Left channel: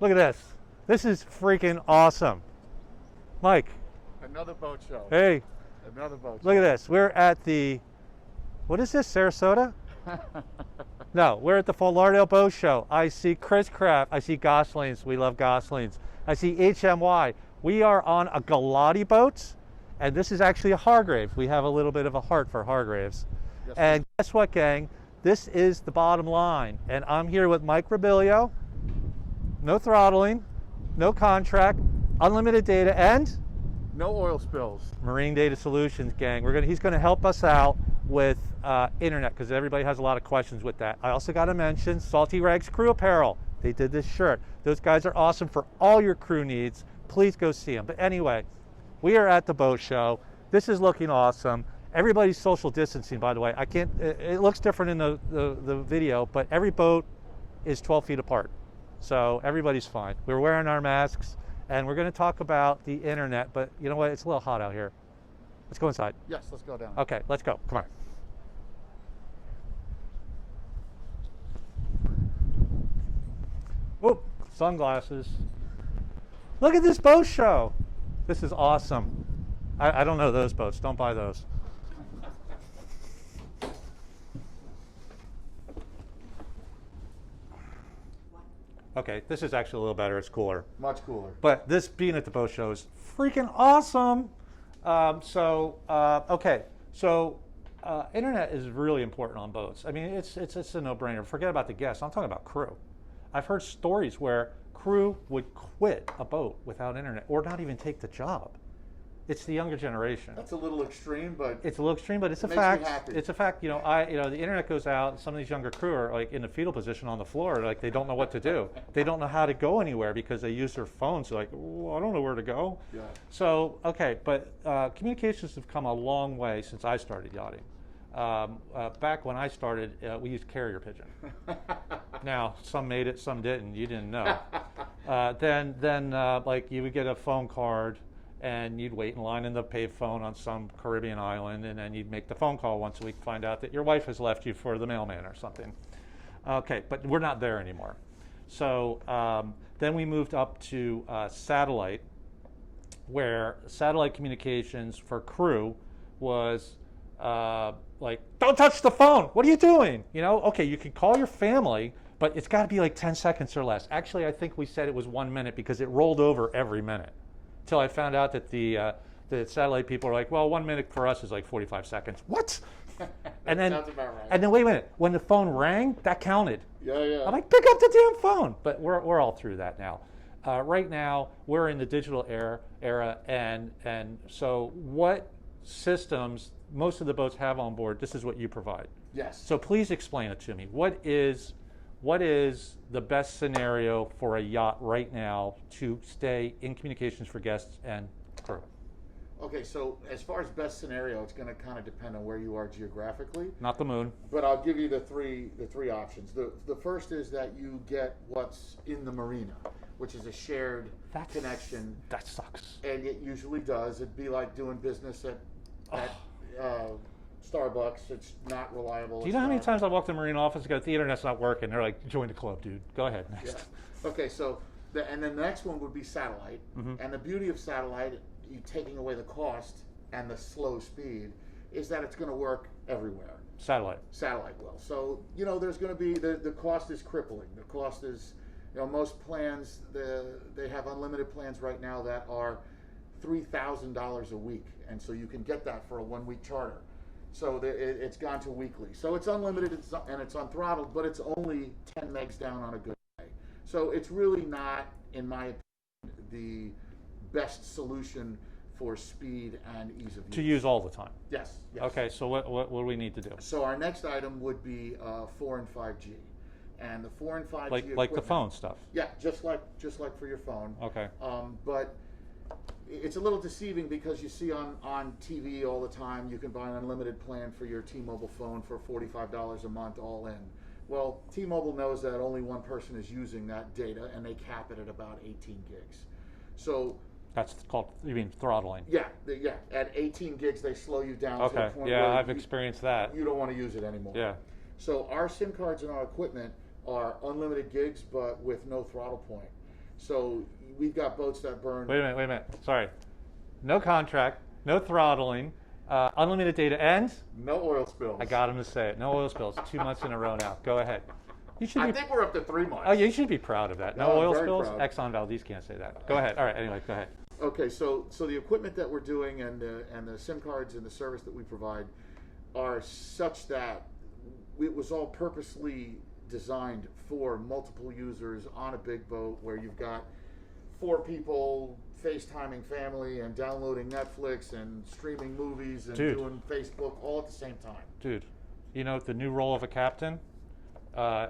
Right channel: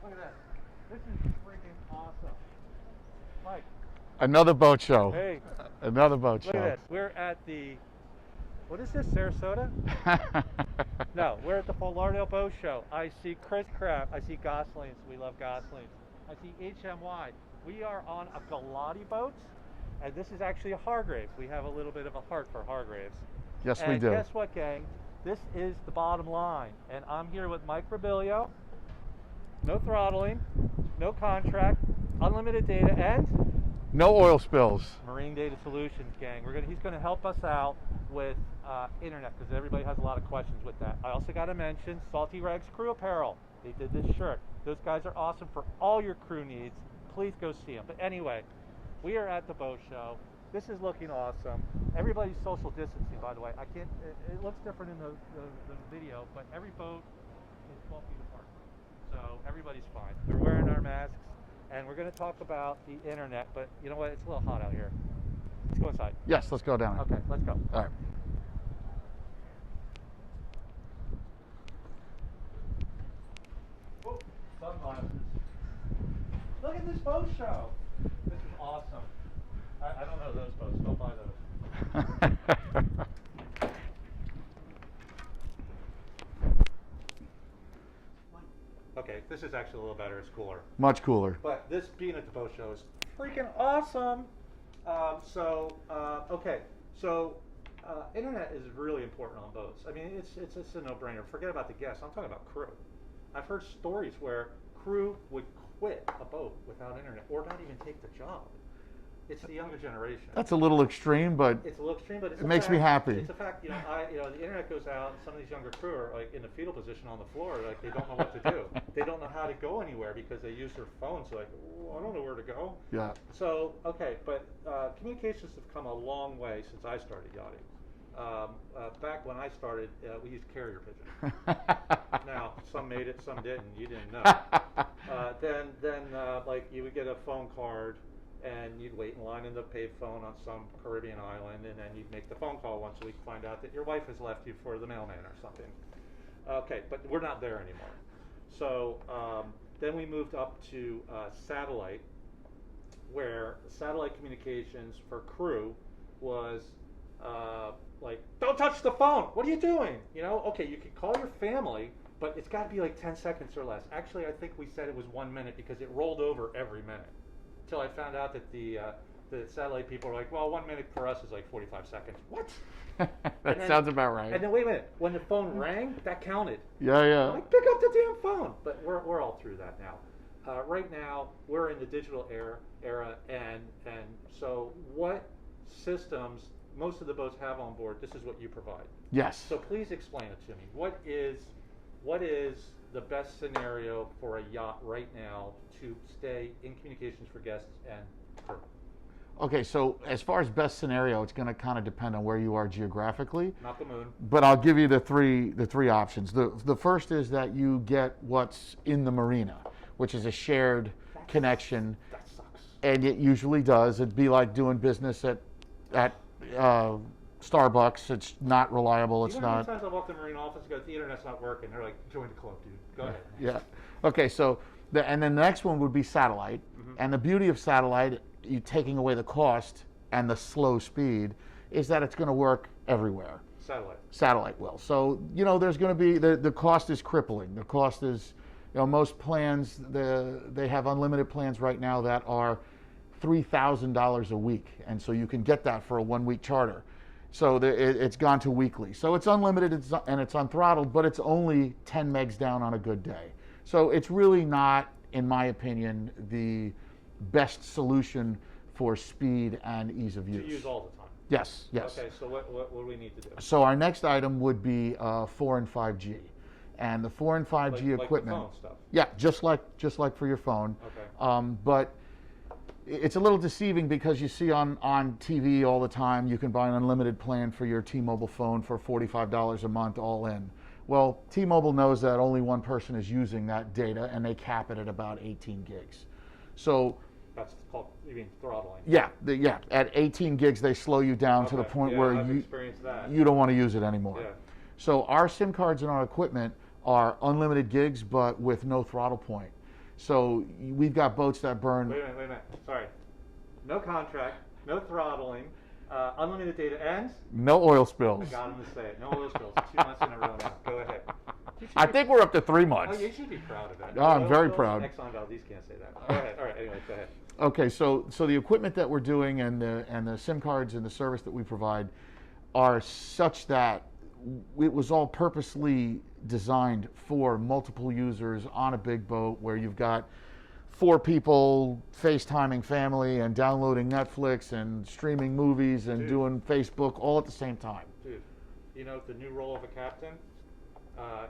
Look at this. This is freaking awesome. Mike. Another boat show. Hey. Another boat show. Look at this. We're at the, what is this, Sarasota? No, we're at the Fort Lauderdale Boat Show. I see Chris Craft. I see Goslings. We love Goslings. I see HMY. We are on a Galati boat, and this is actually a Hargrave. We have a little bit of a heart for Hargraves. Yes, and we do. Guess what, gang? This is the bottom line. And I'm here with Mike Rabilio. No throttling, no contract, unlimited data, and no oil spills. Marine Data Solutions, gang. He's gonna help us out with internet, because everybody has a lot of questions with that. I also got to mention Salty Rags Crew Apparel. They did this shirt. Those guys are awesome for all your crew needs. Please go see them. But anyway, we are at the boat show. This is looking awesome. Everybody's social distancing, by the way. It looks different in the video, but every boat is 12 feet apart. So everybody's fine. We're wearing our masks, and we're going to talk about the internet, but you know what? It's a little hot out here. Let's go inside. Yes, let's go down. Okay, let's go. All right. Whoop, sunglasses. Look at this boat show. This is awesome. I don't know those boats. Don't buy those. Okay, this is actually a little better. It's cooler. Much cooler. But this being at the boat show is freaking awesome. Okay, so internet is really important on boats. I mean, it's a no-brainer. Forget about the guests. I'm talking about crew. I've heard stories where crew would quit a boat without internet or not even take the job. It's the younger generation. That's a little extreme, but it's a little extreme, but it's a fact. It makes me happy. It's a fact. You know, the internet goes out. Some of these younger crew are like in the fetal position on the floor, like they don't know what to do. They don't know how to go anywhere because they use their phones. They're like, oh, I don't know where to go. Yeah. So okay, but communications have come a long way since I started yachting. Back when I started, we used carrier pigeon. Now, some made it, some didn't. You didn't know. Then like you would get a phone card, and you'd wait in line in the payphone on some Caribbean island, and then you'd make the phone call once a week, find out that your wife has left you for the mailman or something. Okay, but we're not there anymore. So then we moved up to satellite, where satellite communications for crew was like, don't touch the phone. What are you doing? You know, okay, you can call your family, but it's got to be like 10 seconds or less. Actually, I think we said it was 1 minute because it rolled over every minute. Until I found out that the satellite people are like, well, 1 minute for us is like 45 seconds. What? That sounds about right. And then wait a minute, when the phone rang, that counted. Yeah, yeah. I'm like, pick up the damn phone. But we're all through that now. Right now, we're in the digital era, and so what systems most of the boats have on board, this is what you provide. Yes. So please explain it to me. What is the best scenario for a yacht right now to stay in communications for guests and crew? Okay, so as far as best scenario, it's going to kind of depend on where you are geographically. Not the moon. But I'll give you the three options. The first is that you get what's in the marina, which is a shared connection. That sucks. And it usually does. It'd be like doing business at Starbucks. It's not reliable. Do you know how many times I walk to the marine office and go, the internet's not working? They're like, join the club, dude. Go ahead. Next. Yeah. Okay, so and then the next one would be satellite. Mm-hmm. And the beauty of satellite, you taking away the cost and the slow speed, is that it's going to work everywhere. Satellite will. So, you know, there's going to be, the cost is crippling. The cost is, you know, most plans, they have unlimited plans right now that are $3,000 a week. And so you can get that for a 1 week charter. So it's gone to weekly. So it's unlimited and it's unthrottled, but it's only 10 megs down on a good day. So it's really not, in my opinion, the best solution for speed and ease of use. To use all the time? Yes, yes. Okay, so what do we need to do? So our next item would be 4 and 5G. And the 4 and 5G equipment. Like the phone stuff? Yeah, just like for your phone. Okay. But it's a little deceiving because you see on TV all the time, you can buy an unlimited plan for your T-Mobile phone for $45 a month all in. Well, T-Mobile knows that only one person is using that data, and they cap it at about 18 gigs. So that's called, you mean throttling? Yeah, at 18 gigs, they slow you down to the point where I've experienced that. You don't want to use it anymore. Yeah. So our SIM cards and our equipment are unlimited gigs, but with no throttle point. So we've got boats that burn. Wait a minute. Sorry. No contract, no throttling, unlimited data, and no oil spills. I got him to say it. No oil spills. 2 months in a row now. Go ahead. I think we're up to 3 months. Oh, you should be proud of that. No I'm oil very spills? proud. Exxon Valdez can't say that. Go ahead. All right. Anyway, go ahead. Okay, so the equipment that we're doing and the SIM cards and the service that we provide are such that it was all purposely designed for multiple users on a big boat where you've got 4 people FaceTiming family and downloading Netflix and streaming movies and doing Facebook all at the same time. Dude, you know the new role of a captain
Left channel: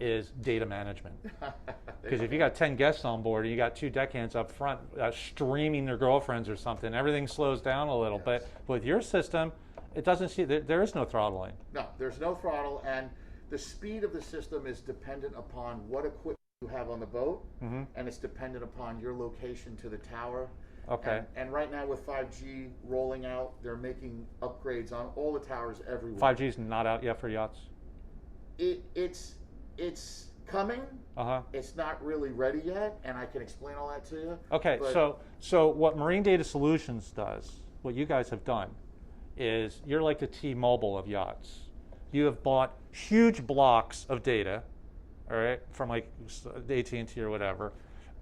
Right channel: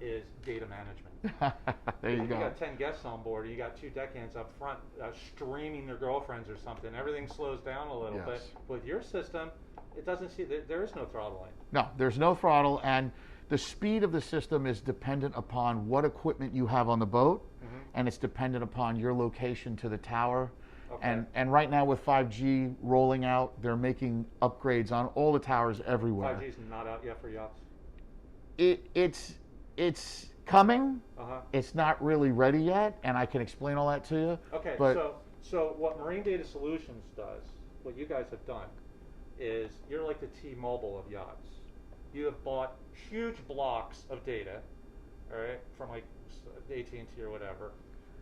is data management. Because if you got 10 guests on board and you got 2 deckhands up front streaming their girlfriends or something, everything slows down a little bit. With your system, it doesn't see, there is no throttling. No, there's no throttle, and the speed of the system is dependent upon what equipment you have on the boat, and it's dependent upon your location to the tower. Okay. And right now with 5G rolling out, they're making upgrades on all the towers everywhere. 5G's not out yet for yachts? It's coming. It's not really ready yet, and I can explain all that to you. Okay, so what Marine Data Solutions does, what you guys have done, is you're like the T-Mobile of yachts. You have bought huge blocks of data, all right, from like AT&T or whatever,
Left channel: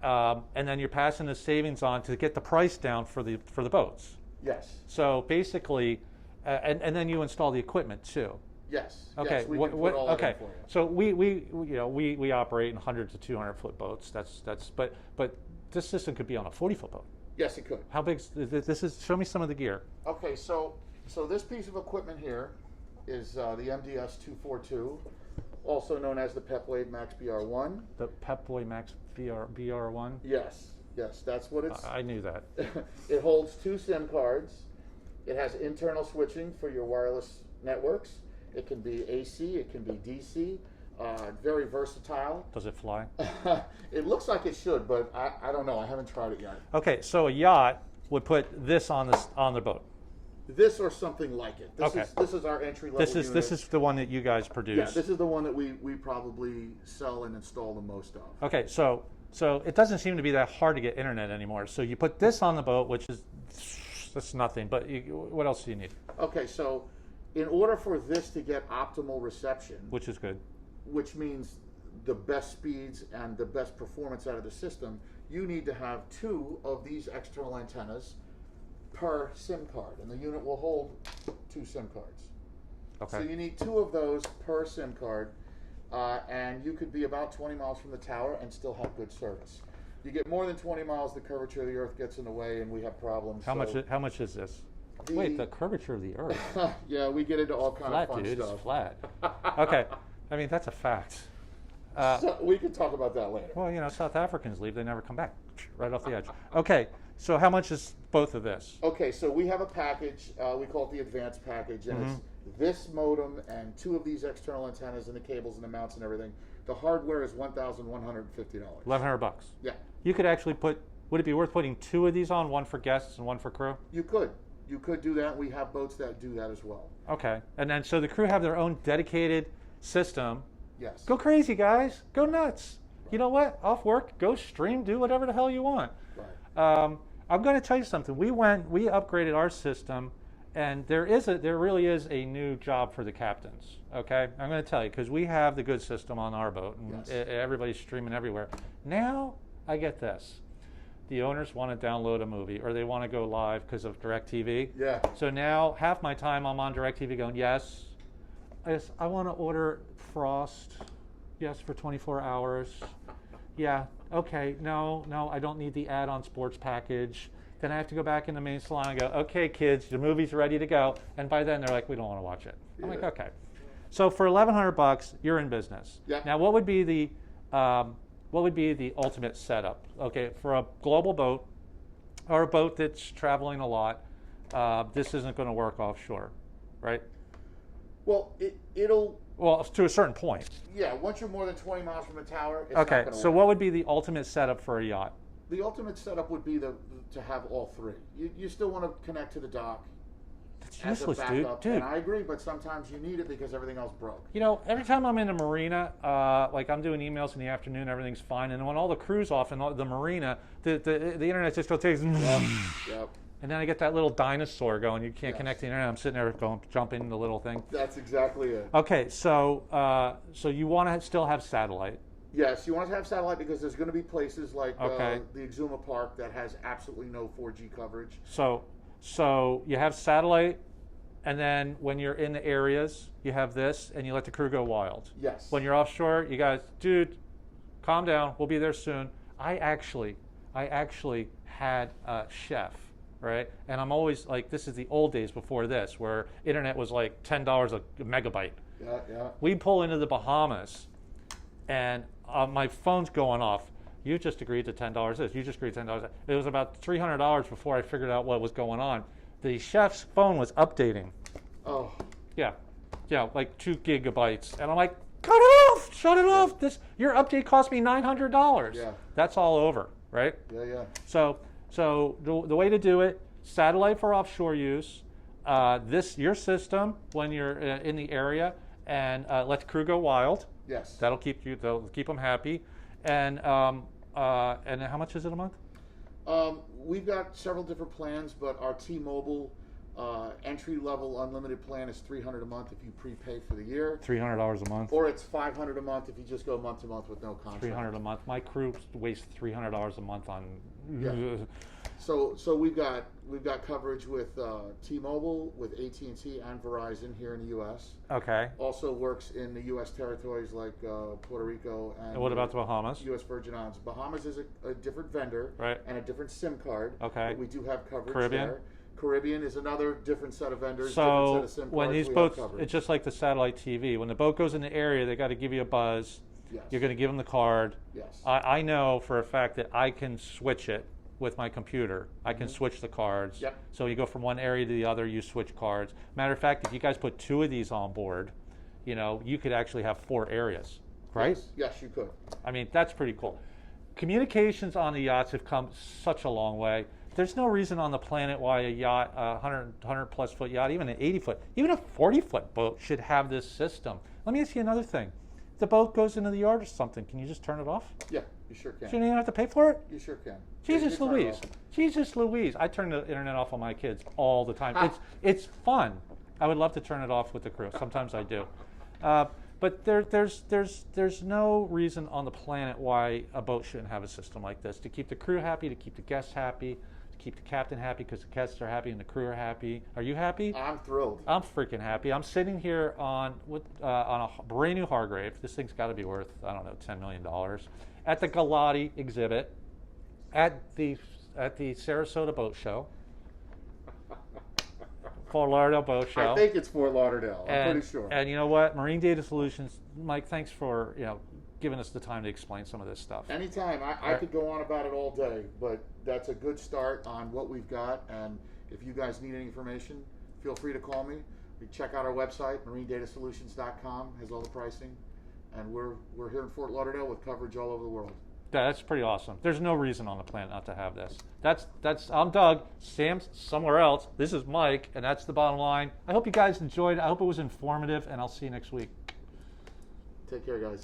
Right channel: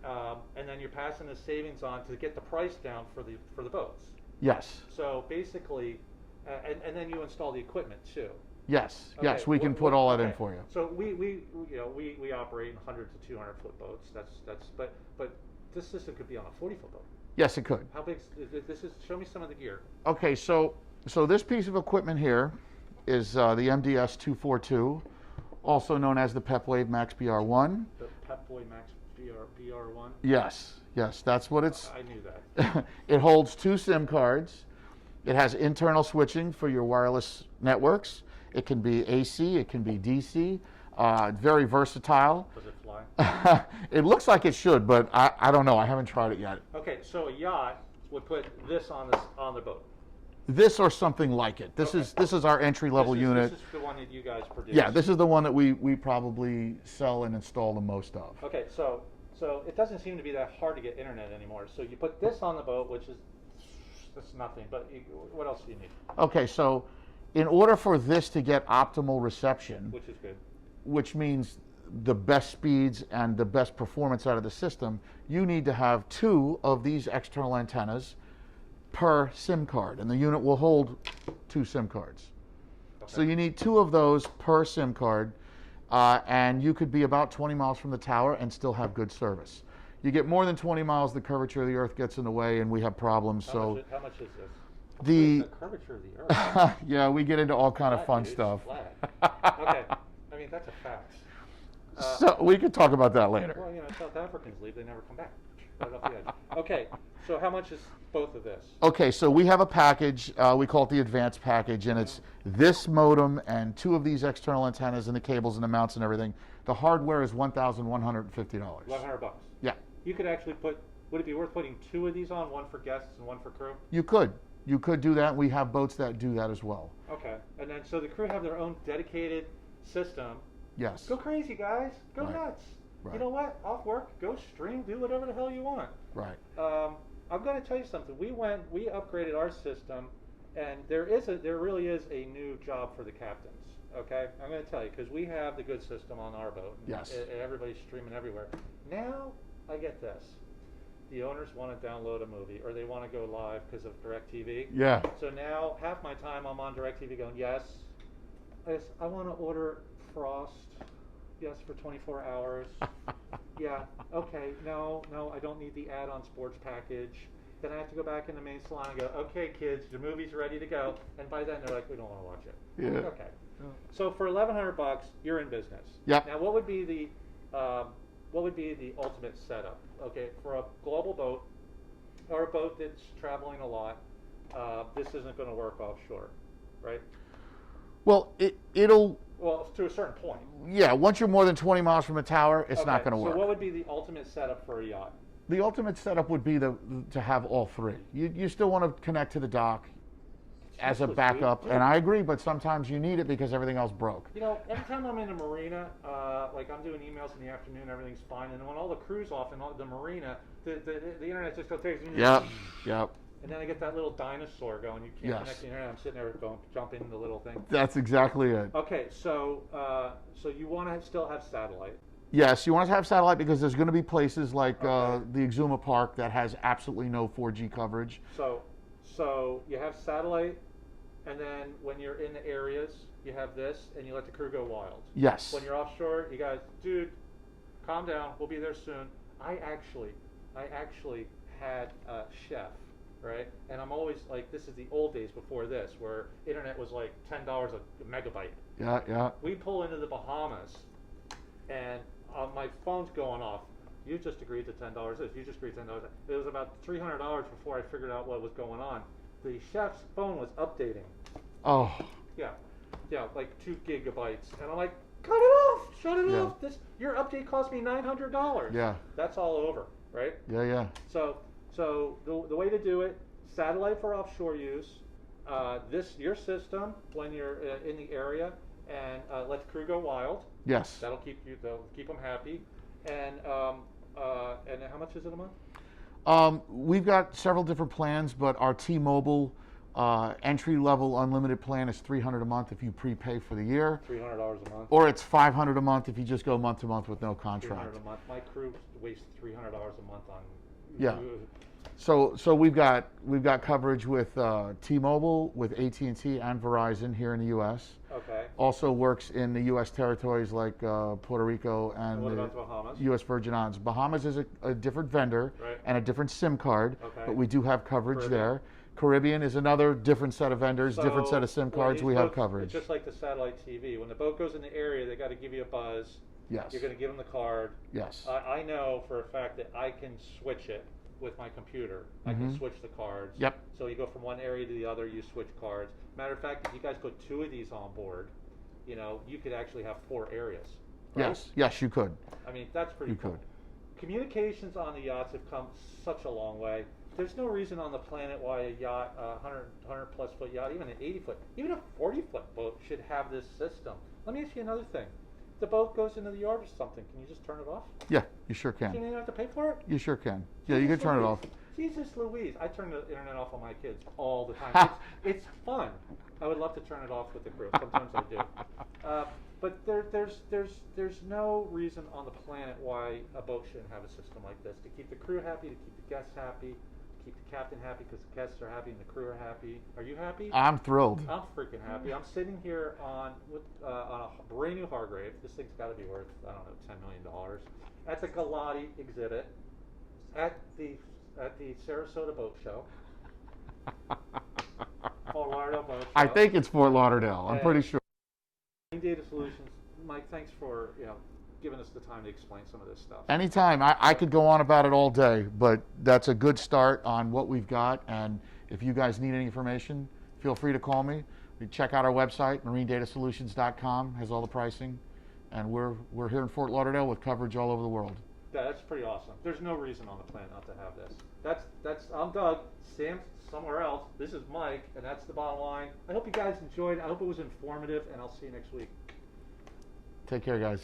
and then you're passing the savings on to get the price down for the boats. Yes. So basically, and then you install the equipment too. Yes. Okay. Yes, we can put all that in for you. So we operate in 100 to 200 foot boats. But this system could be on a 40-foot boat. Yes, it could. How big? This is. Show me some of the gear. Okay, so this piece of equipment here is the MDS 242, also known as the Pepwave Max BR1. The Pepwave Max BR1. Yes, that's what it's. I knew that. It holds 2 SIM cards. It has internal switching for your wireless networks. It can be AC, it can be DC. Very versatile. Does it fly? It looks like it should, but I don't know. I haven't tried it yet. Okay, so a yacht would put this on the boat. This or something like it. This is our entry level unit. This is the one that you guys produce. Yeah, this is the one that we probably sell and install the most of. Okay, so it doesn't seem to be that hard to get internet anymore. So you put this on the boat, which is that's nothing. But what else do you need? Okay, so in order for this to get optimal reception, which is good, which means the best speeds and the best performance out of the system, you need to have 2 of these external antennas per SIM card, and the unit will hold 2 SIM cards. Okay. So you need 2 of those per SIM card, and you could be about 20 miles from the tower and still have good service. You get more than 20 miles, the curvature of the earth gets in the way, and we have problems. How much is this? The curvature of the earth. Yeah, we get into all kind of fun dude, stuff. It's flat. Okay, I mean that's a fact. So we can talk about that later. Well, South Africans leave; they never come back. Right off the edge. Okay, so how much is both of this? Okay, so we have a package. We call it the advanced package, and it's this modem and 2 of these external antennas and the cables and the mounts and everything. The hardware is $1,150. $1,100. Yeah. You could actually put. Would it be worth putting 2 of these on, one for guests and one for crew? You could. You could do that. We have boats that do that as well. Okay, and then so the crew have their own dedicated system. Yes. Go crazy, guys. Go nuts. Right. You know what? Off work, go stream, do whatever the hell you want. Right. I'm going to tell you something. We upgraded our system, and there really is a new job for the captains. Okay, I'm going to tell you because we have the good system on our boat. And yes. Everybody's streaming everywhere. Now I get this. The owners want to download a movie or they want to go live because of DirecTV. Yeah. So now half my time I'm on DirecTV going, yes, I want to order Frost, yes, for 24 hours. Yeah, okay, no, I don't need the add-on sports package. Then I have to go back in the main salon and go, okay, kids, the movie's ready to go. And by then they're like, we don't want to watch it. I'm like, okay. So for $1,100, you're in business. Yep. Now, what would be the ultimate setup? Okay, for a global boat or a boat that's traveling a lot, this isn't going to work offshore, right? Well, it'll. Well, to a certain point. Yeah, once you're more than 20 miles from the tower, it's not going to work. So what would be the ultimate setup for a yacht? The ultimate setup would be to have all 3. You still want to connect to the dock. as a useless, backup. dude. And I agree, but sometimes you need it because everything else broke. You know, every time I'm in the marina, like I'm doing emails in the afternoon, everything's fine. And when all the crew's off in the marina, the internet just goes, Yep. and then I get that little dinosaur going. You can't Yes. connect the internet. I'm sitting there going, jumping the little thing. That's exactly it. Okay, so so you want to still have satellite. Yes, you want to have satellite because there's going to be places like Okay. the Exuma Park that has absolutely no 4G coverage. So you have satellite, and then when you're in the areas, you have this, and you let the crew go wild. Yes. When you're offshore, you guys, dude, calm down. We'll be there soon. I actually had a chef, right? And I'm always like, this is the old days before this, where internet was like $10 a megabyte. Yeah. We pull into the Bahamas, and my phone's going off. You just agreed to $10 this. You just agreed to $10. It was about $300 before I figured out what was going on. The chef's phone was updating. Oh. Yeah, like 2 gigabytes, and I'm like, cut it off, shut it off. Your update cost me $900. Yeah. That's all over, right? Yeah. So the way to do it: satellite for offshore use. Your system when you're in the area, and let the crew go wild. Yes. That'll keep them happy. And how much is it a month? We've got several different plans, but our T-Mobile entry-level unlimited plan is $300 a month if you prepay for the year. $300 a month. Or it's $500 a month if you just go month to month with no contract. $300 a month. My crew wastes $300 a month on. Yeah. So we've got coverage with T-Mobile, with AT&T, and Verizon here in the U.S. Okay. Also works in the U.S. territories like Puerto Rico and what about the Bahamas? U.S. Virgin Islands. Bahamas is a different vendor and a different SIM card. Okay. But we do have coverage Caribbean? there. Caribbean is another different set of vendors, different set of SIM cards. We have coverage. It's just like the satellite TV. When the boat goes in the area, they got to give you a buzz. Yes. You're going to give them the card. Yes. I know for a fact that I can switch it with my computer. I can switch the cards. Yep. So you go from one area to the other, you switch cards. Matter of fact, if you guys put 2 of these on board, you could actually have 4 areas, right? Yes, you could. I mean, that's pretty cool. could. Communications on the yachts have come such a long way. There's no reason on the planet why a yacht, a 100 plus foot yacht, even an 80 foot, even a 40 foot boat should have this system. Let me ask you another thing. If the boat goes into the yard or something, can you just turn it off? Yeah, you sure can. So you don't even have to pay for it? You sure can. Jesus you can turn it off. Jesus Louise. I turn the internet off on my kids all the time. It's fun. I would love to turn it off with the crew. Sometimes I do. But there's no reason on the planet why a boat shouldn't have a system like this. To keep the crew happy, to keep the guests happy, to keep the captain happy because the guests are happy and the crew are happy. Are you happy? I'm thrilled. I'm freaking happy. I'm sitting here on a brand new Hargrave. This thing's got to be worth, I don't know, $10 million. At the Galati exhibit, at the Sarasota Boat Show, Fort Lauderdale Boat Show. I think it's Fort Lauderdale. I'm pretty sure. And you know what? Marine Data Solutions, Mike, thanks for giving us the time to explain some of this stuff. Anytime. I could go on about it all day, but that's a good start on what we've got. And if you guys need any information, feel free to call me. Check out our website, marinedatasolutions.com, has all the pricing. And we're here in Fort Lauderdale with coverage all over the world. That's pretty awesome. There's no reason on the planet not to have this. That's I'm Doug. Sam's somewhere else. This is Mike, and that's the bottom line. I hope you guys enjoyed it. I hope it was informative, and I'll see you next week. Take care, guys.